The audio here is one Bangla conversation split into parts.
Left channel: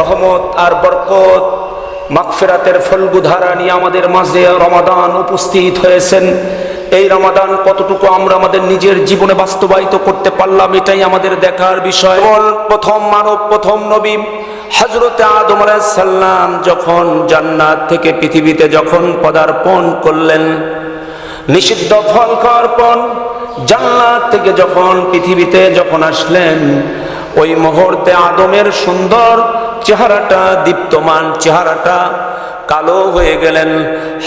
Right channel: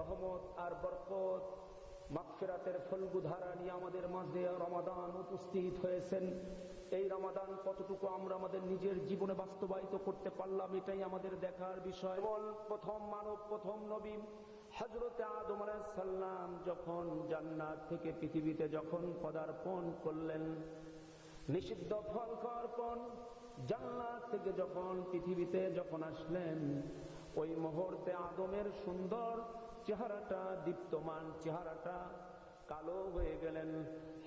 রহমত আর বরকত, মাগফিরাতের ফলগুধারা নিয়ে আমাদের মাঝে রমাদান উপস্থিত হয়েছেন। এই রমাদান কতটুকু আমরা আমাদের নিজের জীবনে বাস্তবায়িত করতে পারলাম, এটাই আমাদের দেখার বিষয়। প্রথম মানব, প্রথম নবী হজরতে আদম সাল্লাম যখন জান্নাত থেকে পৃথিবীতে যখন পদার্পণ করলেন, নিষিদ্ধ ফল খাওয়ার জান্নাত থেকে যখন পৃথিবীতে যখন আসলেন, ওই মুহূর্তে আদমের সুন্দর চেহারাটা দীপ্তমান চেহারাটা কালো হয়ে গেলেন।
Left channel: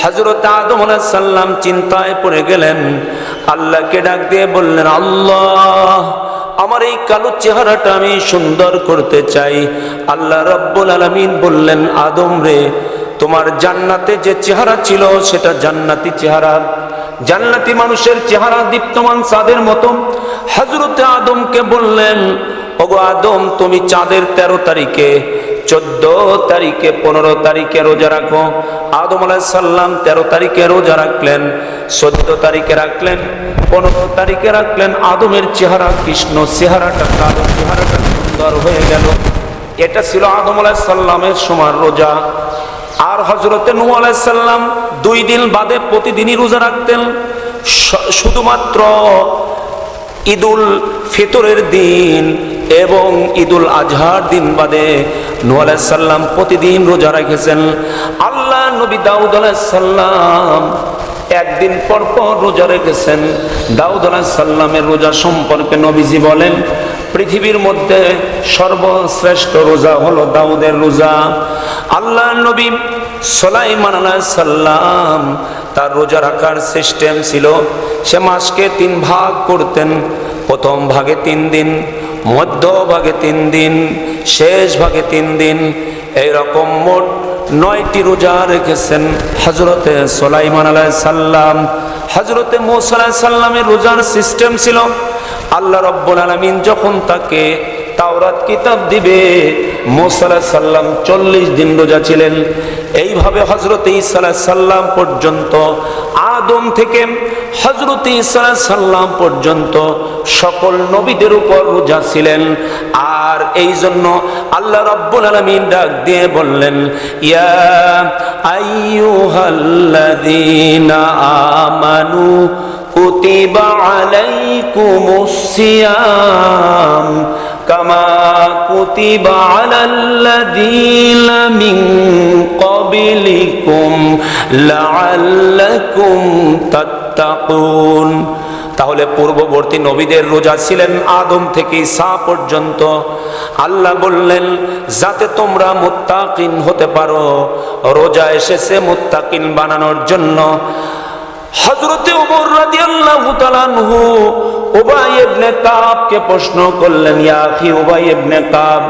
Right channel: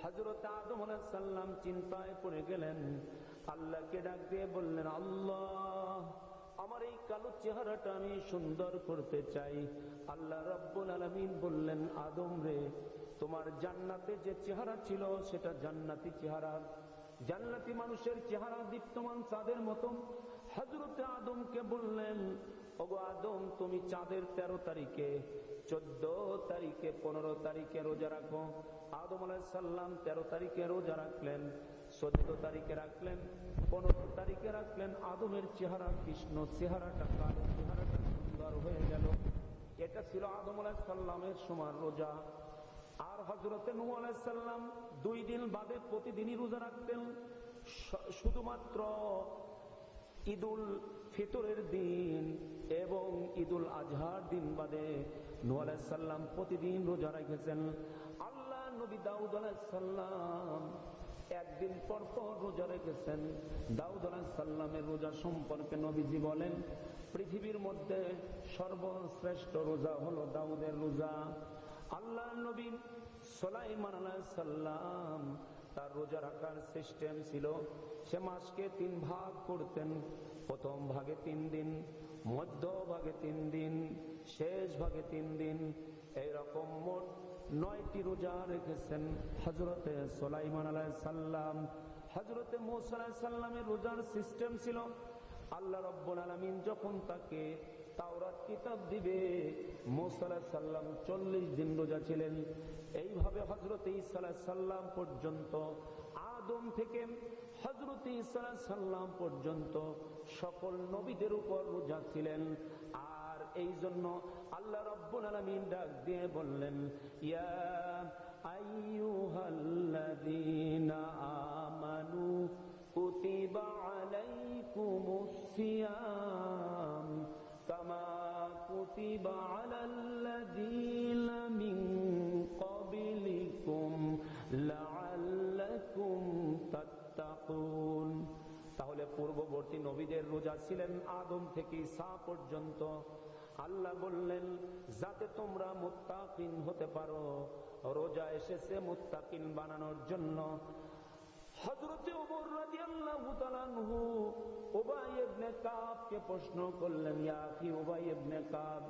হজরত আদম সাল্লাম চিন্তায় পড়ে গেলেন। আল্লাহকে ডাক দিয়ে বললেন, আল্লাহ, আমার এই কালো চেহারাটা আমি সুন্দর করতে চাই। আল্লাহ রব্বুল আলমিন বললেন, আদম রে, তোমার জান্নাতে যে চেহারা ছিল সেটা জান্নাতি চেহারা। জান্নাতি মানুষের চেহারা দীপ্তমান চাঁদের মতো। হজরতে আদমকে বললেন, ওগো আদম, তুমি চাঁদের তেরো তারিখে চোদ্দ তারিখে, পনেরো তারিখে রোজা রাখো। আদম সাল্লাম তেরো তারিখে রোজা রাখলেন, চোদ্দ তারিখে রাখলেন, পনেরো তারিখে রাখলেন। আদমের চেহারা কৃষ্ণ, চেহারাটা কালো, চেহারাটা সুন্দর হয়ে গেল। এটা ছিল আদম সাল্লামের সময় রোজা। আর হজরতে নু আলাইসাল্লাম দুই দিন বাদে প্রতিদিনই রোজা রাখতেন। শুধুমাত্র ঈদুল ফিতরের দিন এবং ঈদুল আজহার দিন বাদে নু আলাইসাল্লাম প্রতিদিন রোজা রেখেছেন। আল্লাহ নবী দাউদ আলাইসাল্লাম একদিন পর পর রোজা রেখেছেন। দাউদ আলাইসাল্লামের রোজা সম্পর্কে নবীজি বলেন, পৃথিবীর মধ্যে সর্বশ্রেষ্ঠ রোজা হলো দাউদের রোজা। আল্লাহ নবী সোলাইমান সাল্লাম তার রোজা রাখার সিস্টেম ছিল, সে মাসকে তিন ভাগ করতেন। প্রথম ভাগে তিন দিন মধ্য ভাগে তিন দিন শেষ ভাগে তিন দিন, এইরকম মোট নয়টি রোজা রেখেছেন হজরতে সোলাইমান আলাই সাল্লাম হজরতে মোসাল্লাহ সাল্লামের রোজার সিস্টেম ছিল, আল্লাহ রব্বুল আলমিন যখন তাকে তাওরাত কিতাব দিবে। মোসালা সাল্লাম চল্লিশ দিন রোজা ছিলেন। এইভাবে হজরত ইসালা সাল্লাম পর্যন্ত, আদম থেকে হজরত ইসালা সাল্লাম পর্যন্ত সকল নবীদের উপর রোজা ছিলেন। আর এই জন্য আল্লাহ রব্বুল আলমিন ডাক দিয়ে বললেন, ইয়া আইয়ুহাল্লাযীনা আমানু কুতিবা আলাইকুমুস সিয়াম। كما كتب على الذين من قبلكم لعلكم تتقون তাহলে পূর্ববর্তী নবীদের রোজা ছিলেন আদম থেকে সা পর্যন্ত আল্লাহ বললেন যাতে তোমরা মুত্তাকিন হতে পারো রোজা এসেছে মুত্তাকিন বানানোর জন্য হজরতে ওমর রাদিয়াল্লাহু তাআলা আনহু উবাই ইবনে কাবকে প্রশ্ন করলেন ইয়া আখি উবাই ইবনে কাব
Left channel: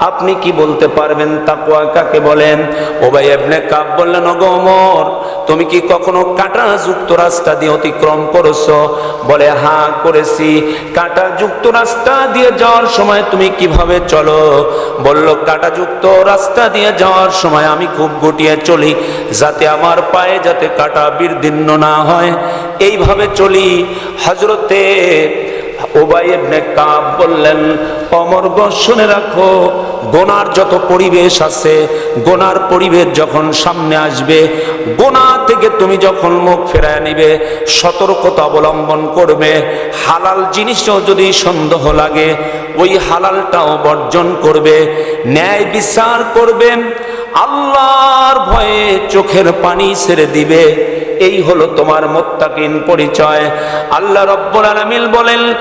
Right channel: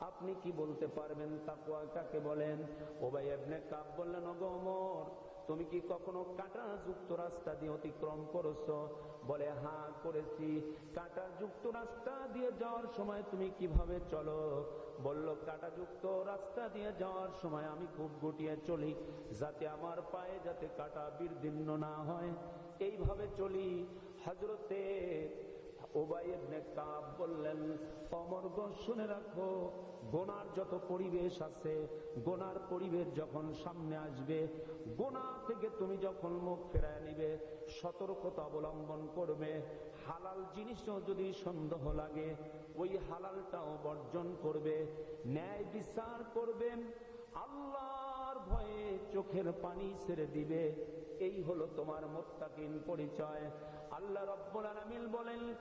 আপনি কি বলতে পারবেন? তাকওয়া কাকে বলেন? উবাই ইবনে কাব বললেন অগমর তুমি কি কখনো কাঁটা যুক্ত রাস্তা দিয়ে অতিক্রম করেছ? বলে হ্যাঁ করেছি। কাঁটা যুক্ত রাস্তা দিয়ে যাওয়ার সময় তুমি কীভাবে চলো? বলল কাঁটা যুক্ত রাস্তা দিয়ে যাওয়ার সময় আমি খুব গুটিয়ে চলি, যাতে আমার পায়ে যাতে কাঁটা বির্দীর্ণ না হয়। এইভাবে চলি। হজরতে ওবাই ইবনে বললেন অমর্গ শুনে রাখো, গোনার যত পরিবেশ আছে, গোনার পরিবেশ যখন সামনে আসবে, গোনা থেকে তুমি যখন মুখ ফেরায় নিবে, সতর্কতা অবলম্বন করবে, হালাল জিনিসও যদি সন্দেহ লাগে, ওই হালালটাও বর্জন করবে, ন্যায় বিচার করবে, আল্লাহর ভয়ে চোখের পানি ছেড়ে দিবে। এই হলো তোমার মোত্তাকিন পরিচয়। আল্লাহ রব্বুল আলামিন বলেন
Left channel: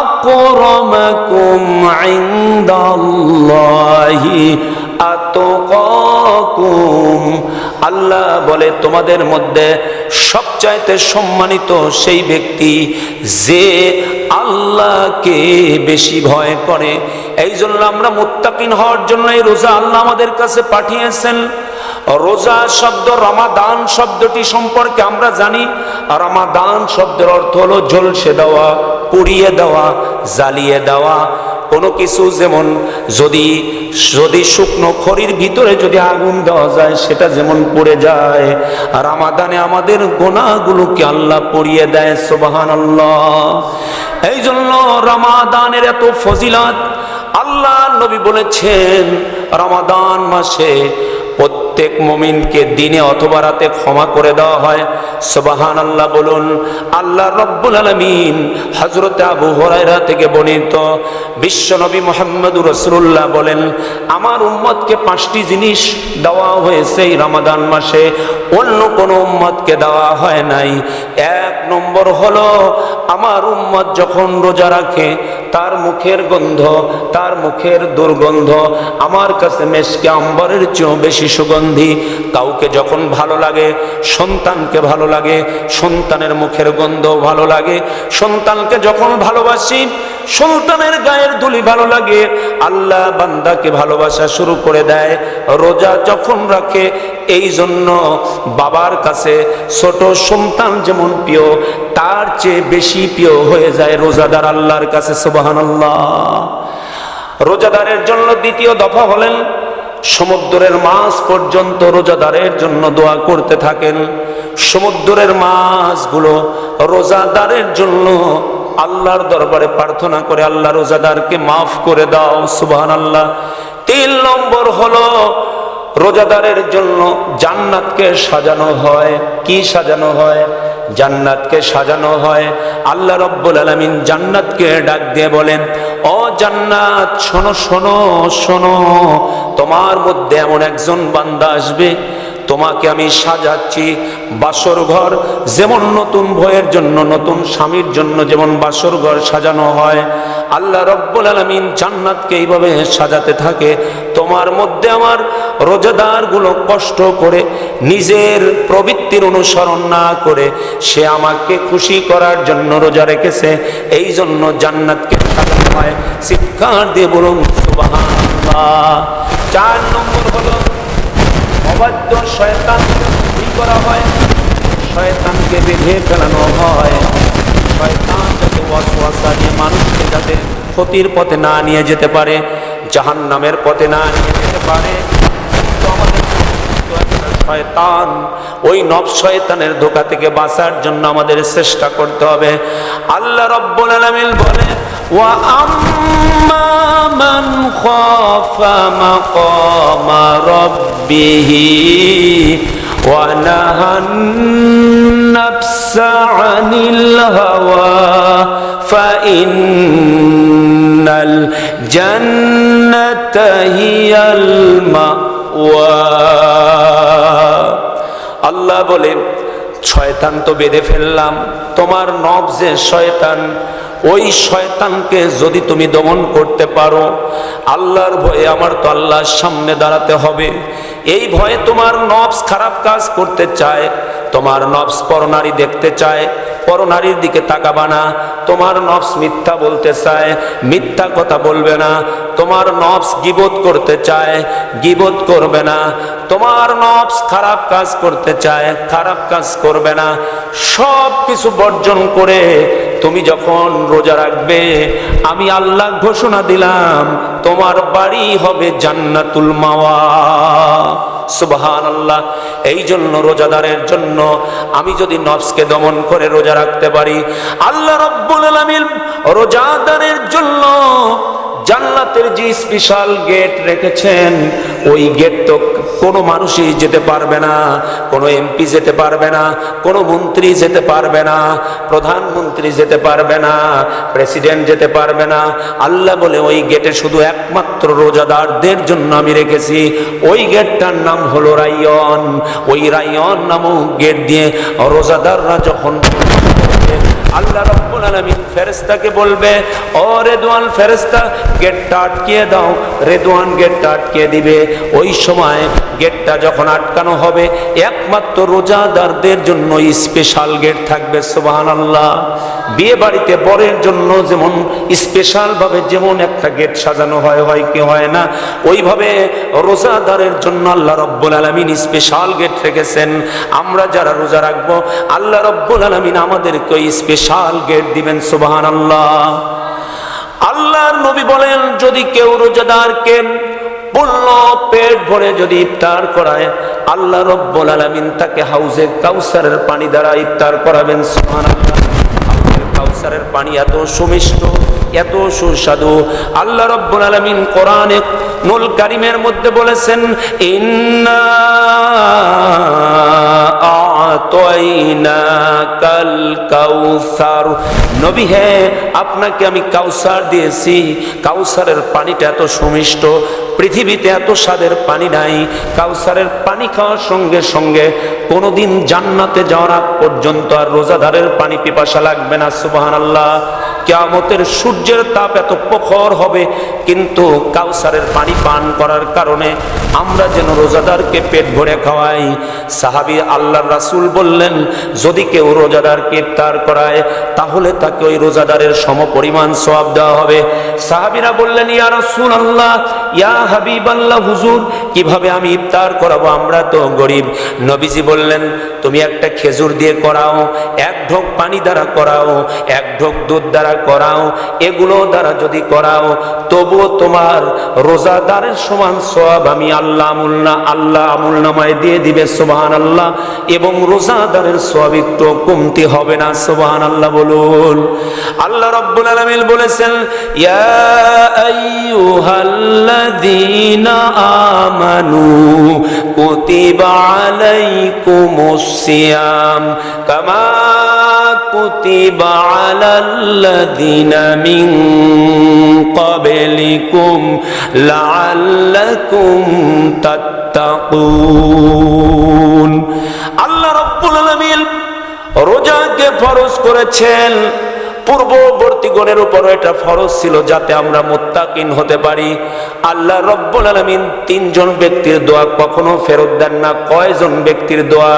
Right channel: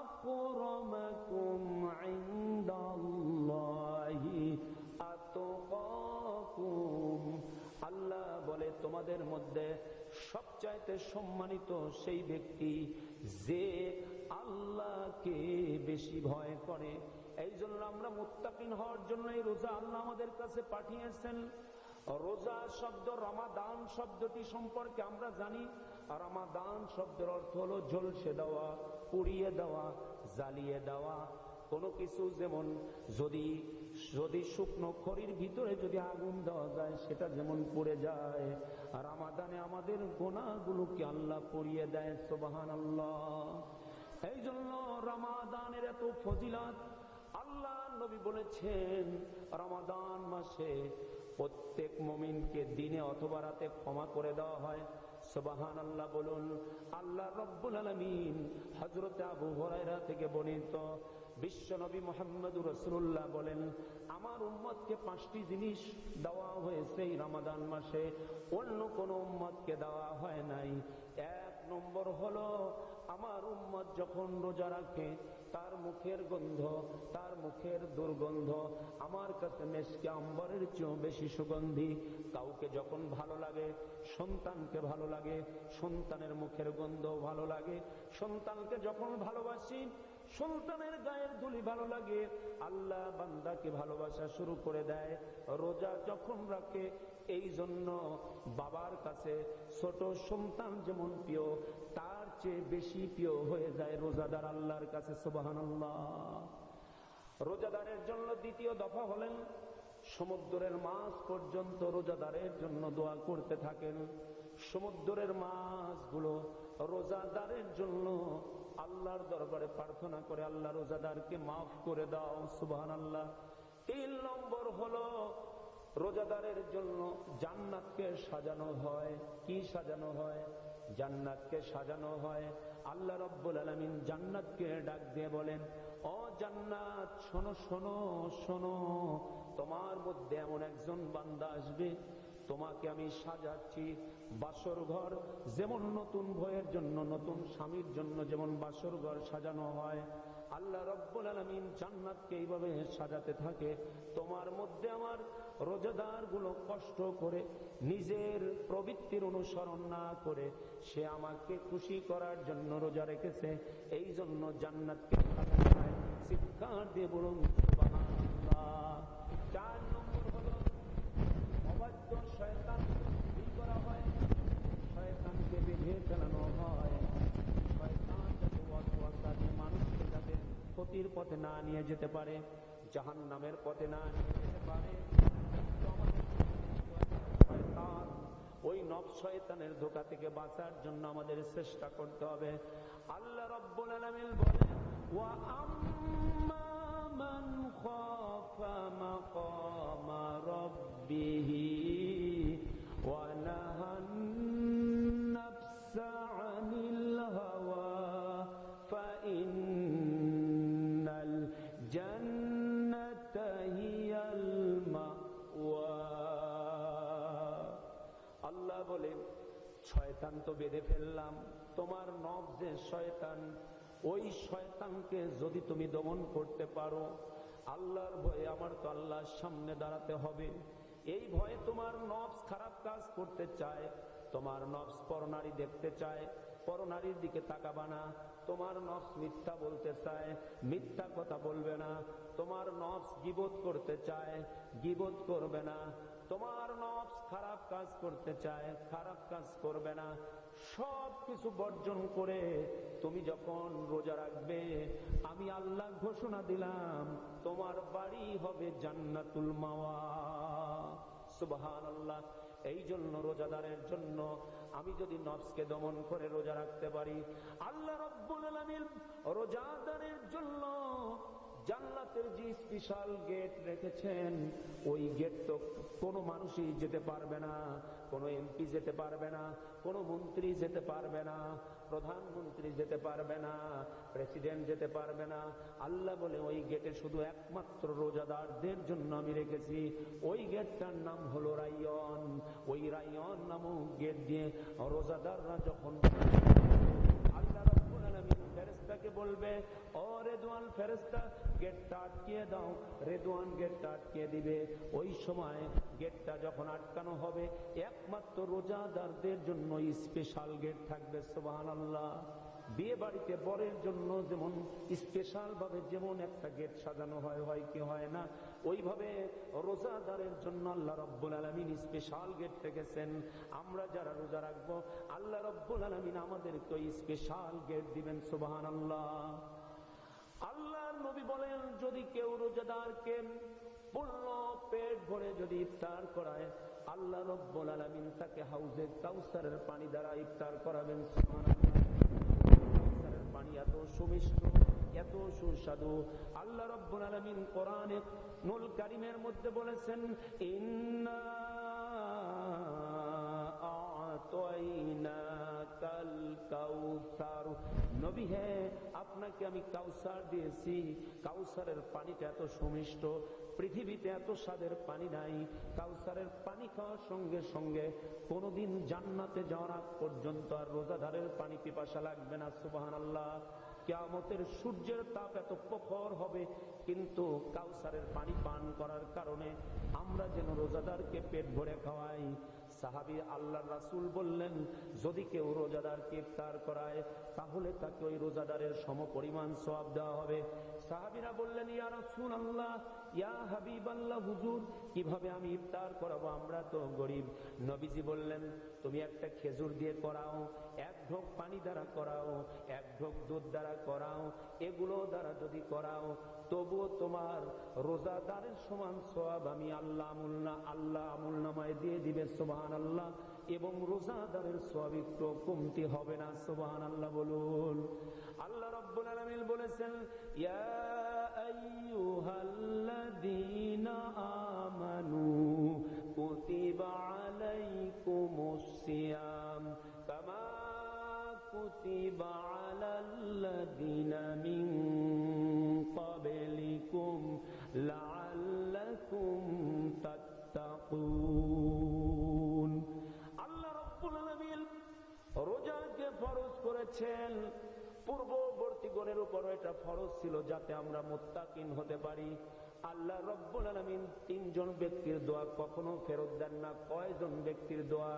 আকরামাকুম ইনদাল্লাহি আতকাকুম। আল্লাহ বলে, তোমাদের মধ্যে সবচাইতে সম্মানিত সেই ব্যক্তি যে আল্লাহকে বেশি ভয় করে। এই জন্য আমরা মুত্তাকিন হওয়ার জন্য এই রোজা আল্লাহ আমাদের কাছে পাঠিয়েছেন। রোজা শব্দ, রমাদান শব্দটি সম্পর্কে আমরা জানি। রমাদান শব্দের অর্থ হলো ঝলসে দেওয়া, পুড়িয়ে দেওয়া, জ্বালিয়ে দেওয়া। কোনো কিছু যেমন যদি যদি শুকনো খড়ির ভিতরে যদি আগুন দেওয়া যায়, সেটা যেমন পড়ে যায়। আর আমাদানে আমাদের গোনাগুলোকে আল্লাহ পড়িয়ে দেয় সোবাহান আল্লাহ এই জন্য রামাদানের এত ফজিলত আল্লাহ নবী বলেছেন, রমাদান মাসে প্রত্যেক মমিনকে দিনে অথবা রাতে ক্ষমা করে দেওয়া হয়। সুবাহান আল্লাহ বলুন, আল্লাহ রব্বুল আলমিন হজরতে আবু হরাইরা থেকে বর্ণিত বিশ্বনবী মোহাম্মদুর রসুল্লাহ বলেন, আমার উম্মতকে পাঁচটি জিনিস দেওয়া হয়েছে এই রমাদান মাসে, অন্য কোনো উম্মতকে দেওয়া হয় নাই। এক নম্বর হলো, আমার উম্মত যখন রোজা রাখে তার মুখের গন্ধ, তার মুখের দুর্গন্ধ, আমার কাছে মেশকে আম্বরের চেয়েও বেশি সুগন্ধি। কাউকে যখন ভালো লাগে, সন্তানকে ভালো লাগে, সন্তানের মুখের গন্ধ ভালো লাগে। সন্তানকে যখন ভালোবাসি সন্তানের গায়ের দুলি ভালো লাগে, আল্লাহ বান্দাকে ভালোবাসা শুরু করে দেয়, রোজা যখন রাখে এই জন্য বাবার কাছে ছোট সন্তান যেমন প্রিয়, তার চেয়ে বেশি প্রিয় হয়ে যায় রোজাদার আল্লাহর কাছে সুবাহান রোজাদারের জন্য দ্বিতীয় দফা হলেন, সমুদ্রের মাছ পর্যন্ত রোজাদারের জন্য দোয়া করতে থাকেন। সমুদ্রের মাছগুলো রোজাদারের জন্য আল্লাহর দরবারে প্রার্থনা করে আল্লাহ রোজাদারকে মাফ করে দাও সুবহান আল্লাহ তিন নম্বর হলো, রোজাদারের জন্য জান্নাতকে সাজানো হয়। কি সাজানো হয়? জান্নাতকে সাজানো হয়। আল্লাহ রব্বুল আলমিন জান্নাতকে ডাক দিয়ে বলেন, ও জান্নাত, শোনো শোনো শোনো, তোমার মধ্যে এমন একজন বান্দা আসবে তোমাকে আমি সাজাচ্ছি বাসর ঘর। যেমন নতুন ভয়ের জন্য, নতুন স্বামীর জন্য যেমন বাসর ঘর সাজানো হয়, আল্লাহ রব্বুল আলমিন জান্নাতকে এইভাবে সাজাতে থাকে। তোমার মধ্যে আমার রোজাদারগুলো কষ্ট করে, নিজের প্রবৃত্তির অনুসরণ না করে সে আমাকে খুশি করার জন্য রোজা রেখেছে। এই জন্য জান্নাতকে সাজানো হয়। চিৎকার দিয়ে বলুন চার নম্বর হলো অবাধ্য শয়তান করা হয়? শয়তানকে বেঁধে ফেলানো হয়। শয়তান যাতে ওয়াসওয়াসা দিয়ে মানুষকে যাতে ক্ষতির পথে না নিয়ে যেতে পারে জাহান নামের পথে না নিয়ে যেতে পারে। শয়তান, ওই নব শয়তানের ধোকা থেকে বাঁচার জন্য আমাদের চেষ্টা করতে হবে। আল্লাহ রব্বুল আলামিন বলে ওয়া আম্মা মান খাফা মাকামা রাব্বিহি ওয়া নাহান নাফসা আনিল হাওয়া ফাইন্নাল জান্নাতা হিয়াল মাওয়া আল্লাহ বলে শয়তান তো বেঁধে ফেললাম। তোমার নব যে শয়তান ওই শয়তানকে যদি তুমি দমন করতে পারো, আল্লাহর ভয়ে আমার তো আল্লাহর সামনে দাঁড়াতে হবে। এই ভয়ে তোমার নবস খারাপ কাজ করতে চায়, তোমার নবস পরনারী দেখতে চায়, পরনারীর দিকে তাকাবা না। তোমার নবস মিথ্যা বলতে চায়, মিথ্যা কথা বলবে না। তোমার নবস গিবোধ করতে চায় গিবোধ করবে না। তোমার নবস খারাপ কাজ করতে চায়, খারাপ কাজ করবে না। সব কিছু বর্জন করে তুমি যখন রোজা রাখবে, আমি আল্লাহ ঘোষণা দিলাম, তোমার বাড়ি হবে জান্নাতুল মাওয়া। সুবহান আল্লাহ এই জন্য রোজাদারের জন্য আমি যদি নফসকে দমন করে রোজা রাখতে পারি, আল্লাহ রব্বুল আলামিন রোজাদারের জন্য জান্নাতের যে স্পেশাল গেট রেখেছেন, ওই গেট তো কোনো মানুষই যেতে পারবে না, কোনো এমপি যেতে পারবে না, কোনো মন্ত্রী যেতে পারবে না, প্রধানমন্ত্রী যেতে পারবে না, প্রেসিডেন্ট যেতে পারবে না। আল্লাহ বলে, ওই গেটে শুধু একমাত্র রোজাদারদের জন্য আমি রেখেছি। ওই গেটটার নাম হলো রাইয়ন। ওই রাইয়ন নামক গেট দিয়ে রোজাদাররা যখন আল্লাহ রব্বুল আলামিন ফেরেশতাকে বলবে, ও রেদওয়ান ফেরেশতা, গেটটা আটকিয়ে দাও। রেদওয়ান গেটটা আটকিয়ে দিবে। ওই সময় গেটটা যখন আটকানো হবে, একমাত্র রোজাদারদের জন্য স্পেশাল গেট থাকবে, সুবহানাল্লাহ। বিয়ে বাড়িতে বরের জন্য যেমন স্পেশাল ভাবে যেমন একটা গেট সাজানো হয় হয় কি হয় না, ওইভাবে রোজাদারের জন্য আল্লাহ রব্বুল আলামিন স্পেশাল গেট রেখেছেন। আমরা যারা রোজা রাখব, আল্লাহ রব্বুল আলামিন আমাদেরকে স্পেশাল গেট দিবেন সুবাহান আল্লাহ আল্লাহর নবী বলেন, যদি কেউ রোজাদারকে পূর্ণ পেট ভরে যদি ইফতার করায়, আল্লাহ রব্বুল আলামিন তাকে হাউজে কাউসারের পানি দ্বারা ইফতার করাবেন, সুবহানাল্লাহ। হাউজের কাউসারের পানি এত সুমিষ্ট, এত সুস্বাদু। আল্লাহ রব্বুল আলমিন কোরআনে নুল কারিমের মধ্যে বলেছেন, ইন্না আতাইনাকাল কাউসার। নবী হ্যাঁ আপনাকে আমি কাউসার দিয়েছি। কাউসারের পানিটা এত সুমিষ্ট পৃথিবীতে এত স্বাদের পানি নাই, কাউসারের পানি খাওয়ার সঙ্গে সঙ্গে কোনোদিন জান্নাতে যাওয়ার পর্যন্ত আর রোজাদারের পানি পিপাসা লাগবে না সুবাহান আল্লাহ কেয়ামতের সূর্যের তাপ এত প্রখর হবে, কিন্তু কাউসারের পানি পান করার কারণে আমরা যেন রোজাদারকে পেট ভরে খাওয়াই। সাহাবি আল্লাহ রাসূল বললেন, যদি কেউ রোজাদারকে ইফতার করায়, তাহলে তাকে ওই রোজাদারের সমপরিমাণ সওয়াব দেওয়া হবে। সাহাবিরা বললেন, ইয়া রাসূল আল্লাহ ইয়া হাবিব আল্লাহ হুজুর, কীভাবে আমি ইফতার করাবো? আমরা তো গরিব। নবীজি বললেন, তুমি একটা খেজুর দিয়ে করাও, এক ঢোক পানি দ্বারা করাও, এক ঢোক দুধ দ্বারা করাও, এগুলো দ্বারা যদি করাও, তবুও তোমার রোজাদারের সমান সব আমি আল্লাহ আমুলনা আল্লাহ আমুল নামায় দিয়ে দিবে সোবাহান আল্লাহ এবং রোজাদারের সব একটু কমতি হবে না সোবাহান আল্লাহ বলুন। আল্লাহ রব্বুল আলমিন বলেছেন আমানু কুতিবা আলাইকুমুস কামা كتب على الذين من قبلكم لعلكم تتقون আল্লাহ রব্বুল আলামিন রোজাকে ফরজ করেছেন পূর্ববর্তী গণের উপর এটা ফরজ ছিল যাতে আমরা মোত্তাকিন হতে পারি আল্লাহ রব্বুল আলমিন তিনজন ব্যক্তির দোয়া কখনো ফেরত দেন না কয়জন ব্যক্তির দোয়া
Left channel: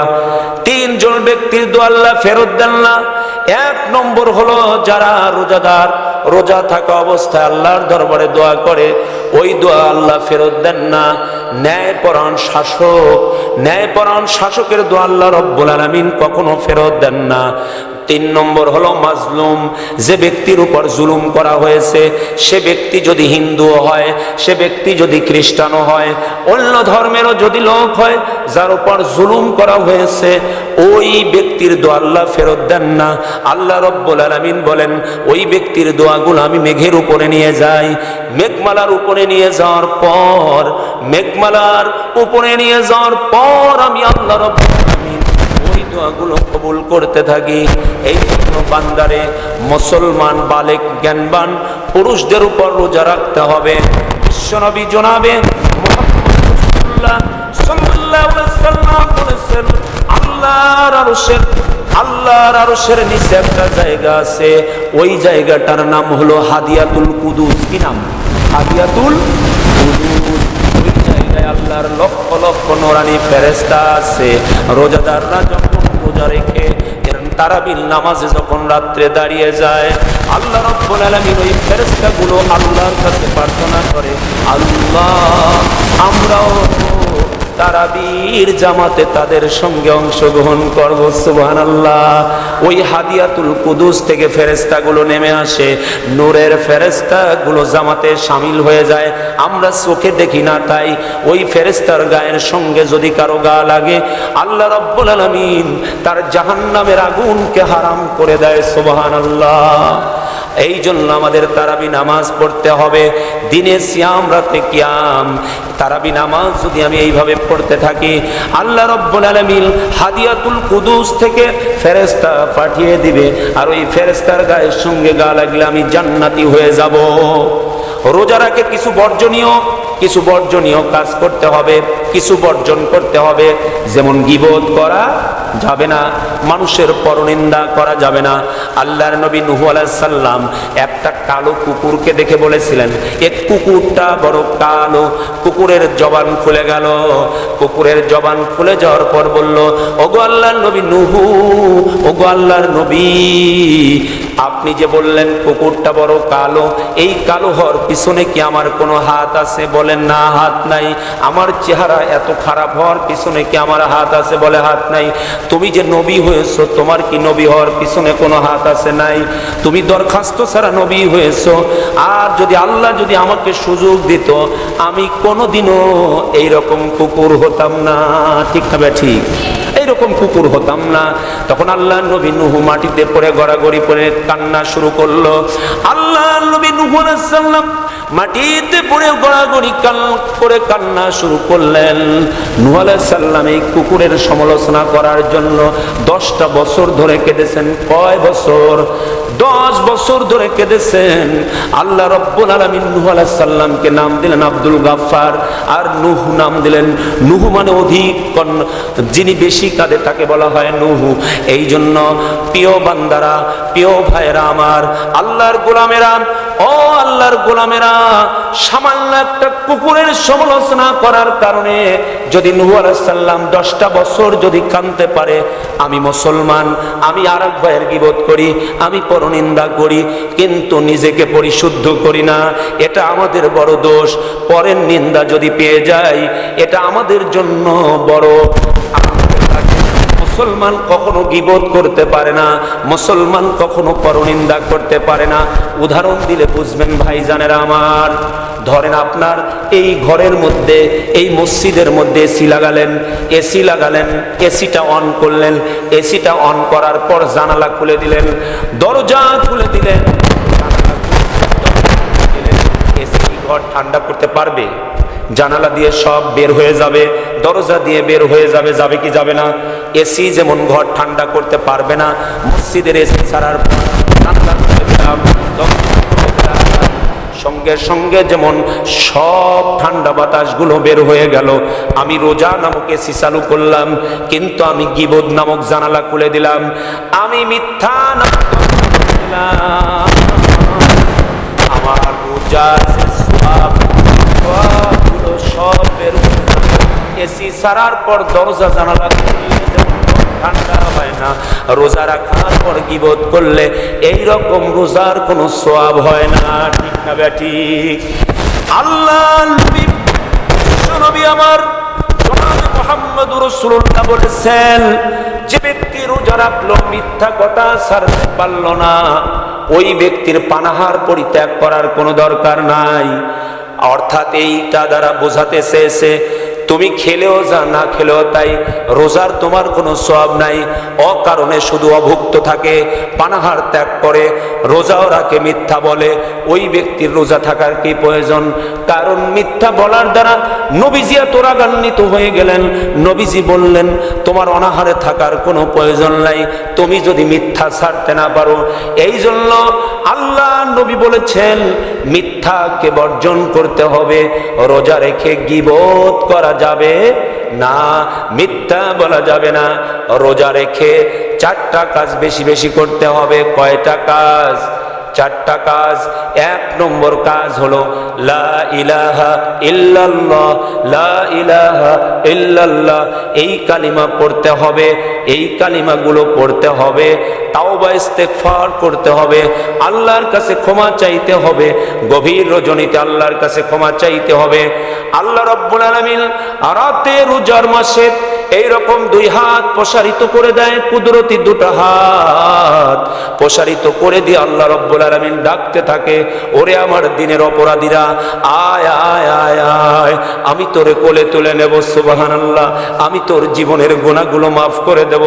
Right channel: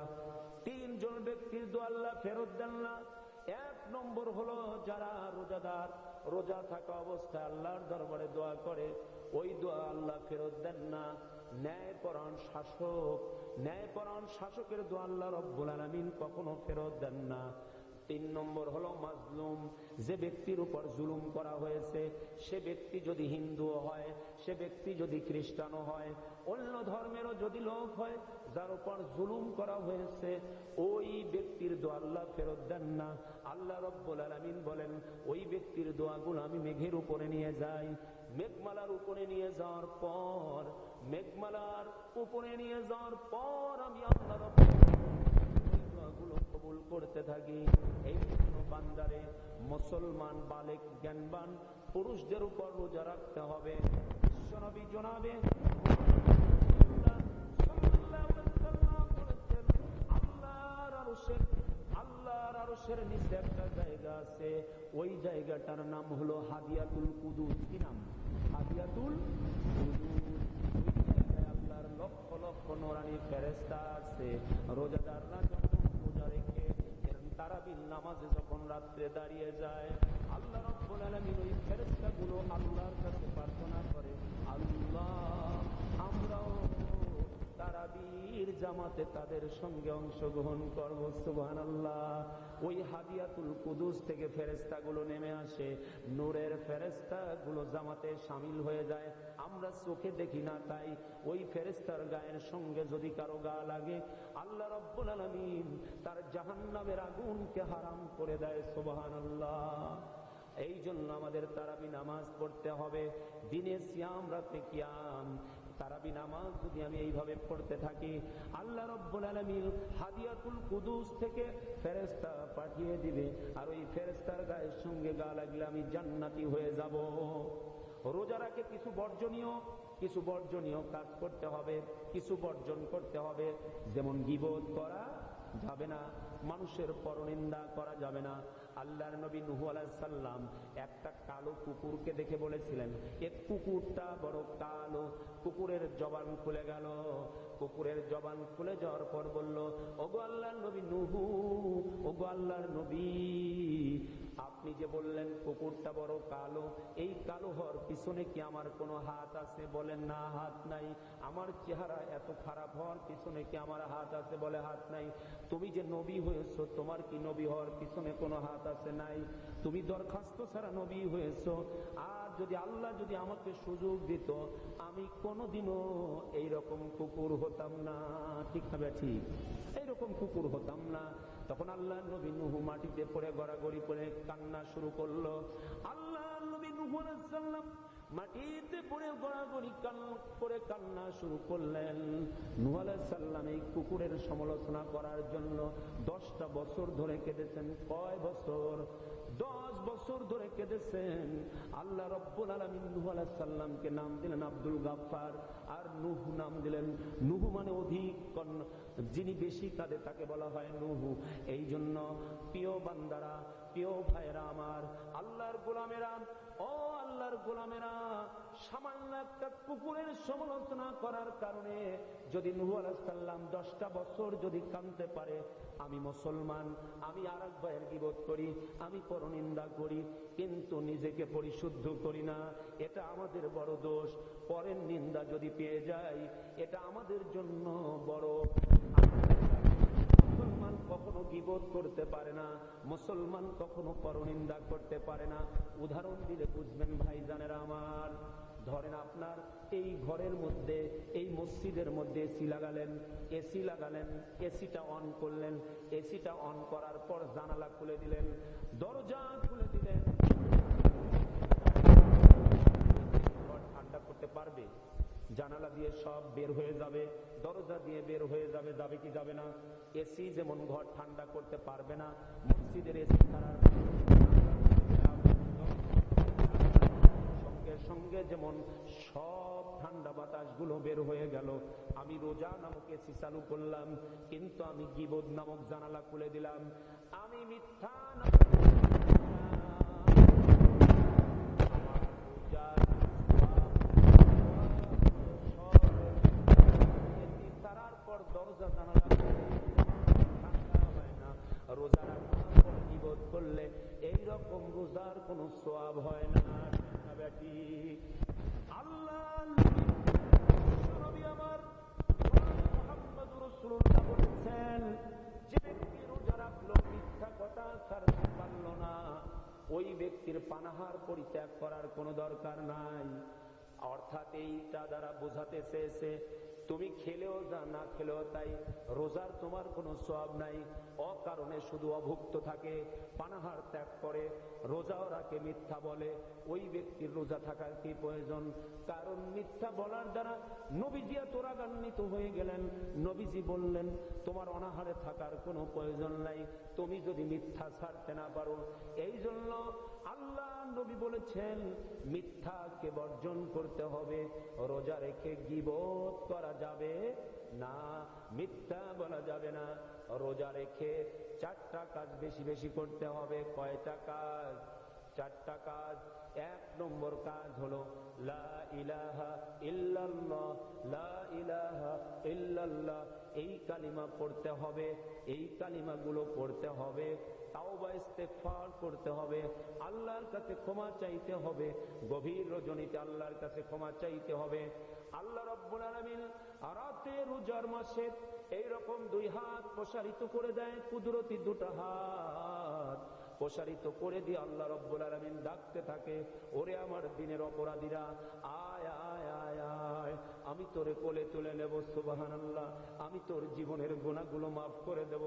তিনজন ব্যক্তির দোয়া আল্লাহ ফেরত দেন না এক নম্বর হলো যারা রোজাদার, রোজা থাকা অবস্থায় আল্লাহর দরবারে দোয়া করে, ওই দোয়া আল্লাহ ফেরত দেন না। ন্যায়পরায়ণ শাসক ন্যায়পরায়ণ শাসকের দোয়া আল্লাহ রব্বুল আলমিন কখনো ফেরত দেন না। তিন নম্বর হলো মাজলুম। যে ব্যক্তির উপর জুলুম করা হয়েছে, সে ব্যক্তি যদি হিন্দুও হয়, সে ব্যক্তি যদি খ্রিস্টানও হয়, অন্য ধর্মেরও যদি লোক হয়, যার উপর জুলুম করা হয়েছে, ওই ব্যক্তির দোয়া আল্লাহ ফেরত দেন না। আল্লাহ রব্বুল আলমিন বলেন, ওই ব্যক্তির দোয়াগুলো আমি মেঘের উপরে নিয়ে যাই। মেঘমালার উপরে নিয়ে যাওয়ার পর, মেঘমালার উপরে নিয়ে যাওয়ার পর আমি আল্লাহ রব্বুল দোয়াগুলো কবুল করতে থাকি। এই জন্য বান্দারে, মুসলমান, বালেক, জ্ঞানবান পুরুষদের উপর রোজা রাখতে হবে। বিশ্বনবী জনাবে আল্লাহর একটা জায়গা আছে, ওই জায়গাটার নাম হলো হাদিয়াতুল নাম? হাদিয়াতুল জায়গায় লক্ষ লক্ষ নোরানি ফেরেস্তা আছে। রোজাদাররা যখন রোজা রেখে তারাবিল নামাজে যখন রাত্রে দাঁড়িয়ে যায়, আল্লাহ রব্বুল আলামিন ওই ফেরেশতাগুলো আল্লাহর কাছে প্রার্থনা করে, আল্লাহ, আমরাও তারাবির জামাতে তাদের সঙ্গে অংশগ্রহণ করব সুবহান আল্লাহ ওই হাদিয়াতুল কুদুস থেকে ফেরেস্তাগুলো নেমে আসে। নূরের ফেরেস্তাগুলো জামাতে সামিল হয়ে যায়। আমরা চোখে দেখি না তাই ওই ফেরেস্তার গায়ের সঙ্গে যদি কারও গা লাগে, আল্লাহ রব্বুল আলমিন তার জাহান্নামের আগুনকে হারাম করে দেয় সুবহান আল্লাহ এই জন্য আমাদের তারাবি নামাজ পড়তে হবে। দিনে সিয়াম, রাতে কিয়াম। তারাবি নামাজ যদি আমি এইভাবে পড়তে থাকি, আল্লাহ রব্বুল আলমিন হাদিয়াতুল কুদুস থেকে ফেরেস্তা পাঠিয়ে দিবে। আর ওই ফেরেস্তার গায়ের সঙ্গে গা লাগলে আমি জান্নাতি হয়ে যাব। রোজা রাখে কিছু বর্জনীয় কিছু বর্জনীয় কাজ করতে হবে, কিছু বর্জন করতে হবে। যেমন গিবোধ করা যাবে না, মানুষের পরনিন্দা করা যাবে না। আল্লাহর নবী নুহু সাল্লাম একটা কালো কুকুরকে দেখে বলেছিলেন এক কুকুরটা বড় কালো, কুকুরের জবান খুলে গেল। কুকুরের জবান খুলে যাওয়ার পর বলল, ওগো আল্লাহর নবী নুহু, ওগো আল্লাহর নবী আপনি যে বললেন কুকুরটা বড় কালো। এই কালো হওয়ার পিছনে কি আমার কোনো হাত আছে? বলেন, না, হাত নাই। আমার চেহারা এত খারাপ হওয়ার পিছনে কি আমার হাত আছে? বলে, হাত নাই। তুমি যে নবী হয়েছো, তোমার কি নবী হওয়ার পিছনে কোনো হাত আছে? নাই। তুমি দরখাস্ত ছাড়া নবী হয়েছো। আর যদি আল্লাহ যদি আমাকে সুযোগ দিত, আমি কোনোদিনও এইরকম কুকুর হতাম না। ঠিক না ঠিক? এইরকম কুকুর হতাম না। তখন আল্লাহ নবী নুহু মাটিতে পড়ে গড়াগড়ি পরে কান্না শুরু করল। আল্লাহ নবী নুহু মাটিতে পড়ে গড়াগড়ি কান করে কান্না শুরু করলেন। নুহ সালাম এই কুকুরের সমালোচনা করার জন্য দশটা বছর ধরে কেঁদেছেন। কয় বছর? দশ বছর ধরে কেঁদেছেন। আল্লাহ রব্বুল আলমিন নুহ নাম দিলেন আব্দুল গাফফার আর নুহ নাম দিলেন নুহু মানে অধিক যিনি বেশি কাঁদে তাকে বলা হয় নুহু। এই জন্য প্রিয় বান্দারা, প্রিয় ভাইরা আমার, আল্লাহর গোলামেরা ও আল্লাহর গোলামেরা, সামান্য একটা কুকুরের সমালোচনা করার কারণে যদি নুহু আলাইহিস সাল্লাম দশটা বছর যদি কানতে পারে, আমি মুসলমান, আমি আর এক ভাইয়ের গিবোধ করি, আমি পরনিন্দা করি, কিন্তু নিজেকে পরিশুদ্ধ করি না, এটা আমাদের বড় দোষ। পরের নিন্দা যদি পেয়ে যাই, এটা আমাদের জন্য বড়। মুসলমান কখনো গিবোধ করতে পারে না, মুসলমান কখনো পরনিন্দা করতে পারে না। উদাহরণ দিলে বুঝবেন ভাই জানেরা আমার। ধরেন আপনার এই ঘরের মধ্যে, এই মসজিদের মধ্যে এসি লাগালেন এসি লাগালেন, এসিটা অন করলেন, এসিটা অন করার পর জানালা খুলে দিলেন, দরজা খুলে দিলেন, জানালা খুলে দিলেন, এসি ঘর ঠান্ডা করতে পারবে? জানালা দিয়ে সব বের হয়ে যাবে, দরজা দিয়ে বের হয়ে যাবে যাবে কি যাবে না এসি যেমন ঘর ঠান্ডা করতে পারবে না, মসজিদের এসি ছাড়ার। সঙ্গে সঙ্গে যেমন সব ঠান্ডা বাতাসগুলো বের হয়ে গেল, আমি রোজা নামক এসি চালু করলাম, কিন্তু আমি গিবোধ নামক জানালা খুলে দিলাম, আমি মিথ্যা নামক আমার রোজার যে সোয়াব, সোয়াবগুলো সব বের হয়ে যাবে। এসি সারার পর দরজা জানালা ঠান্ডা হয় না রোজা রাখার পর গিবোধ করলে এই রকম রোজার কোনো সোয়াব হয় না ঠিক না ব্যাটি আল্লাহ নবী, আমার বলেছেন যে ব্যক্তি রোজা রাখল মিথ্যা কথা ছাড়তে পারল না ওই ব্যক্তির পানাহার পরিত্যাগ করার কোনো দরকার নাই। অর্থাৎ এইটা দ্বারা বোঝাতে চেয়েছে তুমি খেলেও যা না খেলেও তাই রোজার তোমার কোনো সব নাই। অকারণে শুধু অভুক্ত থাকে, পানাহার ত্যাগ করে, রোজাও রাখে মিথ্যা বলে। ওই ব্যক্তির রোজা থাকার কি প্রয়োজন? কারণ মিথ্যা বলার দ্বারা নবীজি এত রাগান্বিত হয়ে গেলেন। নবীজি বললেন, তোমার অনাহারে থাকার কোনো প্রয়োজন নাই। তুমি যদি মিথ্যা ছাড়তে না পারো এই জন্য আল্লাহ নবী বলেছেন, মিথ্যাকে বর্জন করতে হবে, রোজা রেখে গিবোধ করা যাবে না, মিথ্যা বলা যাবে না, রোজা রেখে চারটা কাজ বেশি বেশি করতে হবে, কয়টা কাজ? চারটা কাজ। এক নম্বর কাজ হলো, লা ইলাহা ইল্লাল্লাহ, লা ইলাহা এই কালিমা পড়তে হবে, এই কালিমাগুলো পড়তে হবে তাও তাওবা ইস্তেগফার করতে হবে, আল্লাহর কাছে ক্ষমা চাইতে হবে, গভীর রজনীতে আল্লাহর কাছে ক্ষমা চাইতে হবে। আল্লাহ রব্বুল আলামিন রাতে রোজার মাসে এই রকম দুই হাত প্রসারিত করে দেয়, কুদরতি দুটো হাত প্রসারিত করে দিয়ে আল্লাহ রব্বুল আলামিন ডাকতে থাকে, ওরে আমার দিনের অপরাধীরা, আয় আয় আয় আয়, আমি তোরে কোলে তুলে নেব সুবাহান আল্লাহ আমি তোর জীবনের গোনাগুলো মাফ করে দেব।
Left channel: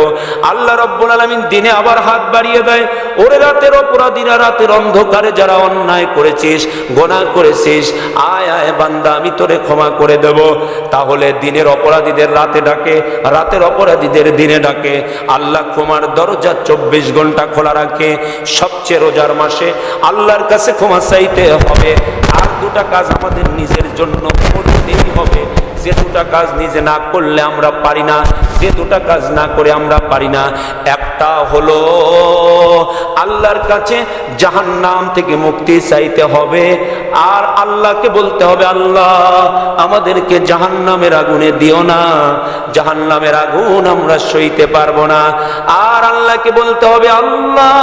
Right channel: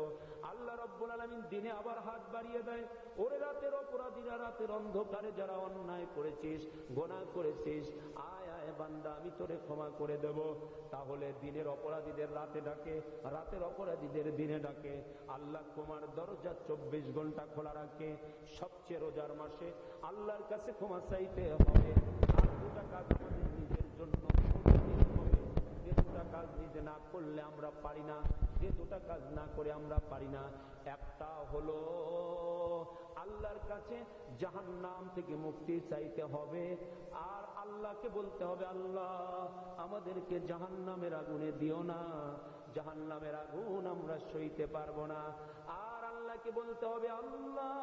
আল্লাহ রব্বুল আলামিন দিনে আবার হাত বাড়িয়ে দেয়, ওরে রাতের অপরাধীরা, রাতের অন্ধকারে যারা অন্যায় করেছিস গোনা করেছিস, আয় আয়, বান্দা, আমি তোরে ক্ষমা করে দেব। তাহলে দিনের অপরাধীদের রাতে ডাকে রাতের অপরাধীদের দিনে ডাকে। আল্লাহ ক্ষমার দরজা চব্বিশ ঘণ্টা খোলা রাখে। সবচেয়ে রোজার মাসে আল্লাহর কাছে ক্ষমা চাইতে হবে। আর দুটা কাজ আমাদের নিজের জন্য করতেই হবে। যে দুটা কাজ নিজে না করলে আমরা পারি না, যে দুটা কাজ না করে আমরা পারি না। একটা হলো, আল্লাহর কাছে জাহান্নাম থেকে মুক্তি চাইতে হবে, আর আল্লাহকে বলতে হবে, আল্লাহ, আমাদেরকে জাহান্নামের আগুনে দিও না, জাহান্নামের আগুন আমরা সইতে পারব না। আর আল্লাহকে বলতে হবে, আল্লাহ,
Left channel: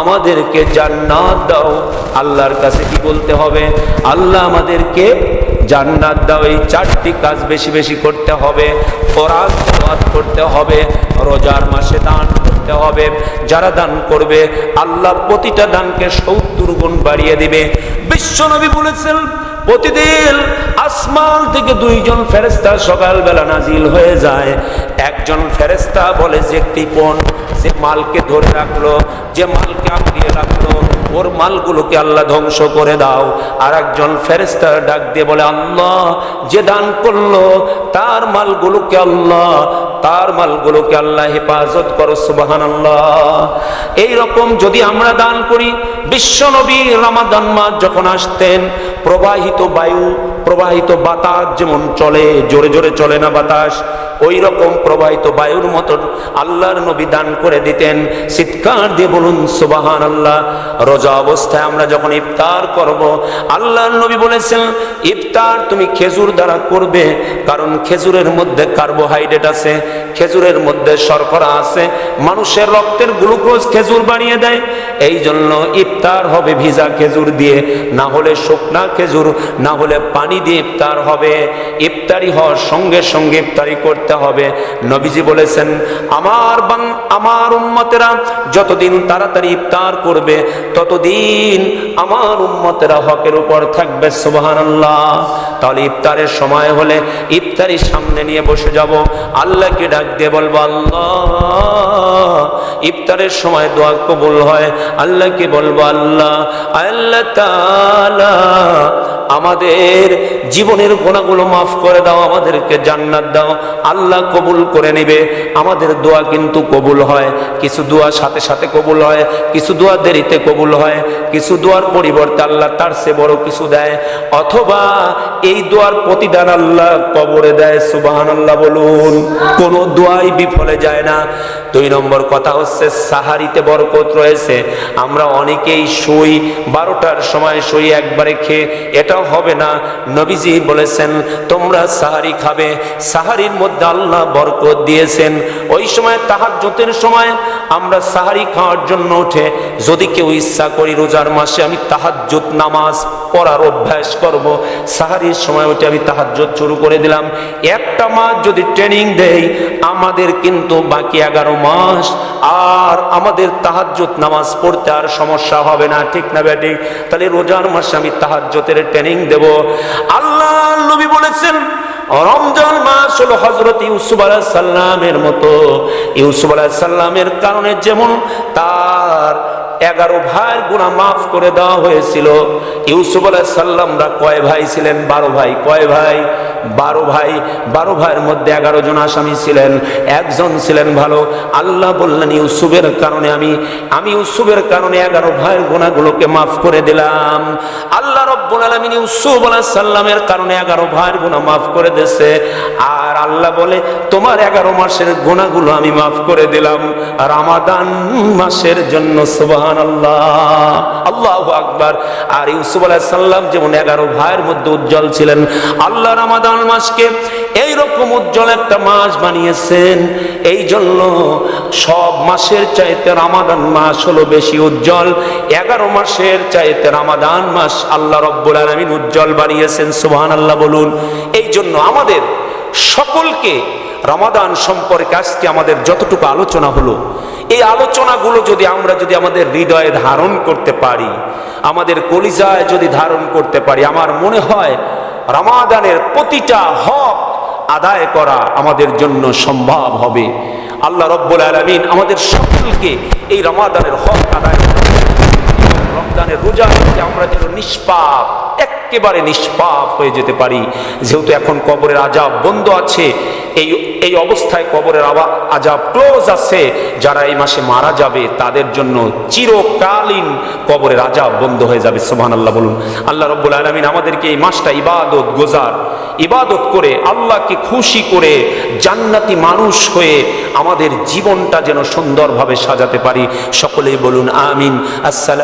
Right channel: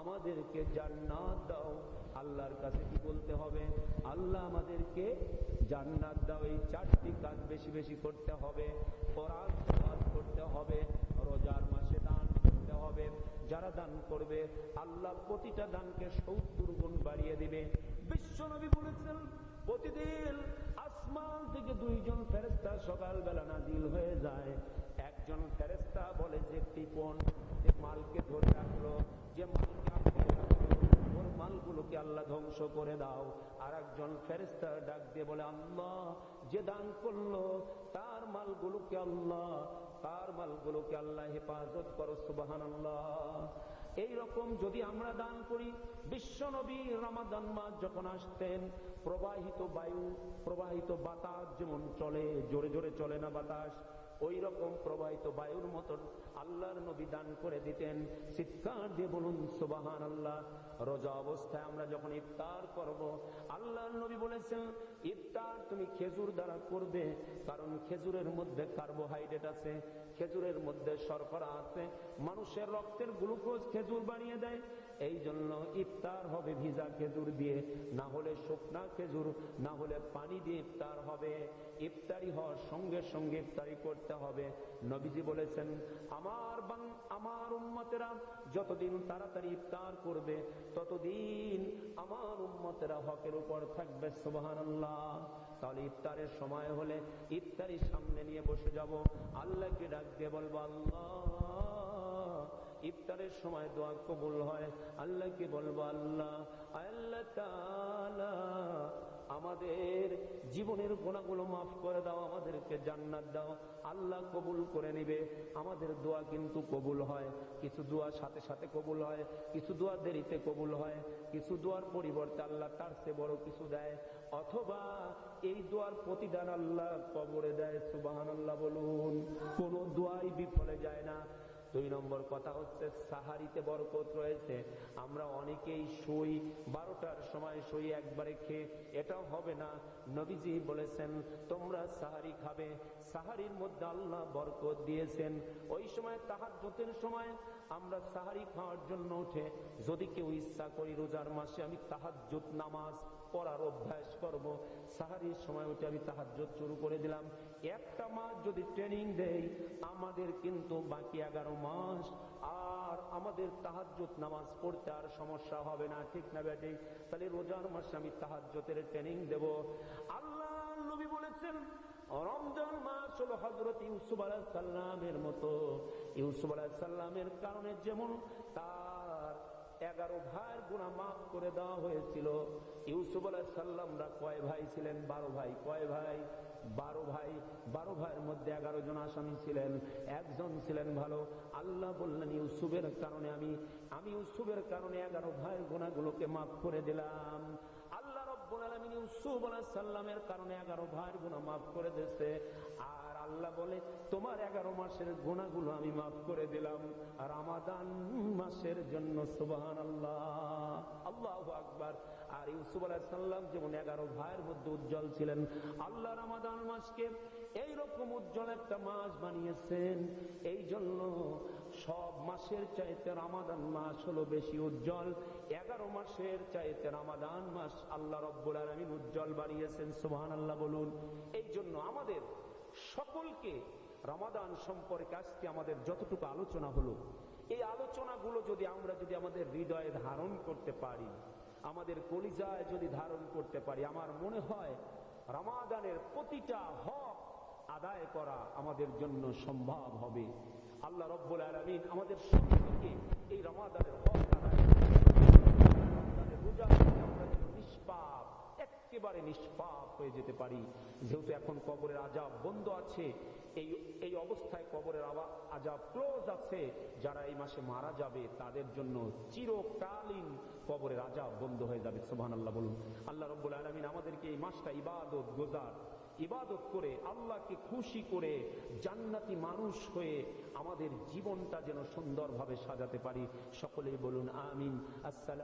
আমাদেরকে জান্নাত দাও। আল্লাহর কাছে কি বলতে হবে? আল্লাহ আমাদেরকে জান্নাত দাও, এই চারটি কাজ বেশি বেশি করতে হবে। কোরআন করতে হবে, রোজার মাসে দান করতে হবে। যারা দান করবে, আল্লাহ প্রতিটা দানকে সত্তর গুণ বাড়িয়ে দিবে। বিশ্বনবী বলেছেন, প্রতিদিন আসমান থেকে দুইজন ফেরেস্তা সকালবেলা নাজিল হয়ে যায়। একজন ফেরেস্তা বলে, যে কৃপন সে মালকে ধরে রাখল, যে মালকে আঁকড়িয়ে রাখল ওর মালগুলোকে আল্লাহ ধ্বংস করে দাও। আর একজন ফেরেস্তার ডাক দিয়ে বলে, আল্লাহ, যে দান করল, তার মালগুলোকে আল্লাহ, তার মালগুলোকে আল্লাহ হেফাজত করো সুবাহান আল্লাহ এইরকম যদি আমরা দান করি, বিশ্ব নবী রামাদান মাস যখন আসতেন, প্রবাহিত বায়ু, প্রবাহিত বাতাস যেমন চলে, জোরে জোরে চলে না বাতাস ওই রকম প্রবাহিত বায়ুর মতন আল্লাহর নবী দান করে দিতেন। চিৎকার দিয়ে বলুন সুবাহান আল্লাহ রোজা অবস্থায় আমরা যখন ইফতার করব, আল্লাহর নবী বলেছেন, ইফতার তুমি খেজুর দ্বারা করবে, কারণ খেজুরের মধ্যে কার্বোহাইড্রেট আছে, খেজুরের মধ্যে শর্করা আছে, মানুষের রক্তের গ্লুকোজ খেজুর বানিয়ে দেয়। এই জন্য ইফতার হবে ভিজা খেজুর দিয়ে, না হলে শুকনা খেজুর, না হলে পানি দিয়ে ইফতার হবে। ইফতারি হওয়ার সঙ্গে সঙ্গে ইফতারি করতে হবে। নবীজি বলেছেন, আমার বাং আমার উম্মতেরা যতদিন তাড়াতাড়ি ইফতার করবে, ততদিন আমার উম্মতেরা হকের উপর থাকবে, সুবহানাল্লাহ। তাহলে ইফতারের সময় হলে ইফতারি সামনে নিয়ে বসে যাব। আল্লাহকে ডাক দিয়ে বলব, আল্লাহ, ইফতারের সময় দোয়া কবুল হয়। আল্লাহকে বলব, আল্লাহ আল্লাহ তাআলা আমাদের জীবনের গোনাগুলো মাফ করে দাও, আমাদেরকে জান্নাত দাও। আল্লাহ কবুল করে নেবে। আমাদের দোয়া কিন্তু কবুল হয়। কিছু দোয়া সাথে সাথে কবুল হয়, কিছু দোয়া দেরিতে কবুল হয়, কিছু দোয়ার পরিবর্তে আল্লাহ তার সে বড় কিছু দেয়। অথবা এই দোয়ার প্রতিদান আল্লাহ কবরে দেয় সুবাহান আল্লাহ বলুন। কোনো দোয়াই বিফলে যায় না। দুই নম্বর কথা হচ্ছে, সাহারিতে বরকত রয়েছে। আমরা অনেকেই শুই, বারোটার সময় শুই একবারে খেয়ে, এটাও হবে না। নবীজি বলেছেন, তোমরা সাহারি খাবে। সাহারির মধ্যে আল্লাহ বরকত দিয়েছেন। ওই সময় তাহাজ্জুতের সময় আমরা সাহারি খাওয়ার জন্য উঠে, যদি কেউ ইচ্ছা করি রোজার মাসে আমি তাহাজ্জুদ নামাজ পড়ার অভ্যাস করব। সাহারির সময় উঠে আমি তাহাজ্জুদ শুরু করে দিলাম। একটা মাস যদি ট্রেনিং দেই, আমাদের কিন্তু বাকি এগারো মাস আর আমাদের তাহাজ্জুদ নামাজ পড়তে আর সমস্যা হবে না, ঠিক না ব্যাটি তাহলে রোজার মাসে আমি তাহাজ্জুতের ট্রেনিং দেব। আল্লাহ নবী বলেছেন, রমজান মাস হলো হজরত ইউসুফ আলাহ সাল্লামের মতো। ইউসুফ আলাহ সাল্লামের কারণে যেমন তার এগারো ভাইয়ের গুণা মাফ করে দেওয়া হয়েছিল, ইউসুফ আলাহ সাল্লামরা কয় ভাই ছিলেন? বারো ভাই। কয় ভাই? বারো ভাই, বারো ভাইয়ের মধ্যে এগারো জন আসামি ছিলেন, একজন ছিলেন ভালো। আল্লাহ বললেন, ইউসুফের কারণে আমি আমি ইউসুফের কারণে এগারো ভাইয়ের গুণাগুলোকে মাফ করে দিলাম। আল্লাহ রব্বুল আলমিন ইউসুফ আলাহ সাল্লামের কারণে এগারো ভাইয়ের গুণা মাফ করে দিয়েছে। আর আল্লাহ বলে, তোমার এগারো মাসের গুণাগুলো আমি মাফ করে দিলাম। রামাদান মাসের জন্য সুবাহান আল্লাহ আল্লাহ আকবার। আর ইউসুফ আলাহ সাল্লাম যেমন এগারো ভাইয়ের মধ্যে উজ্জ্বল ছিলেন, আল্লাহ রামাদান মাসকে এইরকম উজ্জ্বল একটা মাস বানিয়েছেন। এই জন্য সব মাসের চাইতে রামাদান মাস হলো বেশি উজ্জ্বল। এগারো মাসের চাইতে রামাদান মাস আল্লাহ রব্বুল আলমিন উজ্জ্বল বানিয়েছেন সুবহান আল্লাহ বলুন। এই জন্য আমাদের সকলকে রমাদান সম্পর্কে আজকে আমাদের যতটুকু আলোচনা হলো, এই আলোচনাগুলো যদি আমরা যদি আমাদের হৃদয়ে ধারণ করতে পারি, আমাদের কলিজায় যদি ধারণ করতে পারি, আমার মনে হয় রামাদানের প্রতিটা হক আদায় করা আমাদের জন্য সম্ভব হবে। আল্লাহ রব্বুল আলমিন আমাদের সকলকে এই রমাদানের হক আদায় রমজানের রোজা হচ্ছে আমরা যেন নিষ্পাপ একেবারে নিষ্পাপ হয়ে যেতে পারি। যেহেতু এখন কবরের আজাব বন্ধ আছে এই এই অবস্থায় কবরের আবা, আজাব ক্লোজ আছে। যারা এই মাসে মারা যাবে, তাদের জন্য চিরকালীন কবরের আজাব বন্ধ হয়ে যাবে। সোহান আল্লাহ বলুন। আল্লাহ রব্বুল আলমিন আমাদেরকে এই মাসটা ইবাদত গোজার, ইবাদত করে আল্লাহকে খুশি করে জান্নাতি মানুষ হয়ে আমাদের জীবনটা যেন সুন্দরভাবে সাজাতে পারি। সকলেই বলুন, আমিন। আসসালাম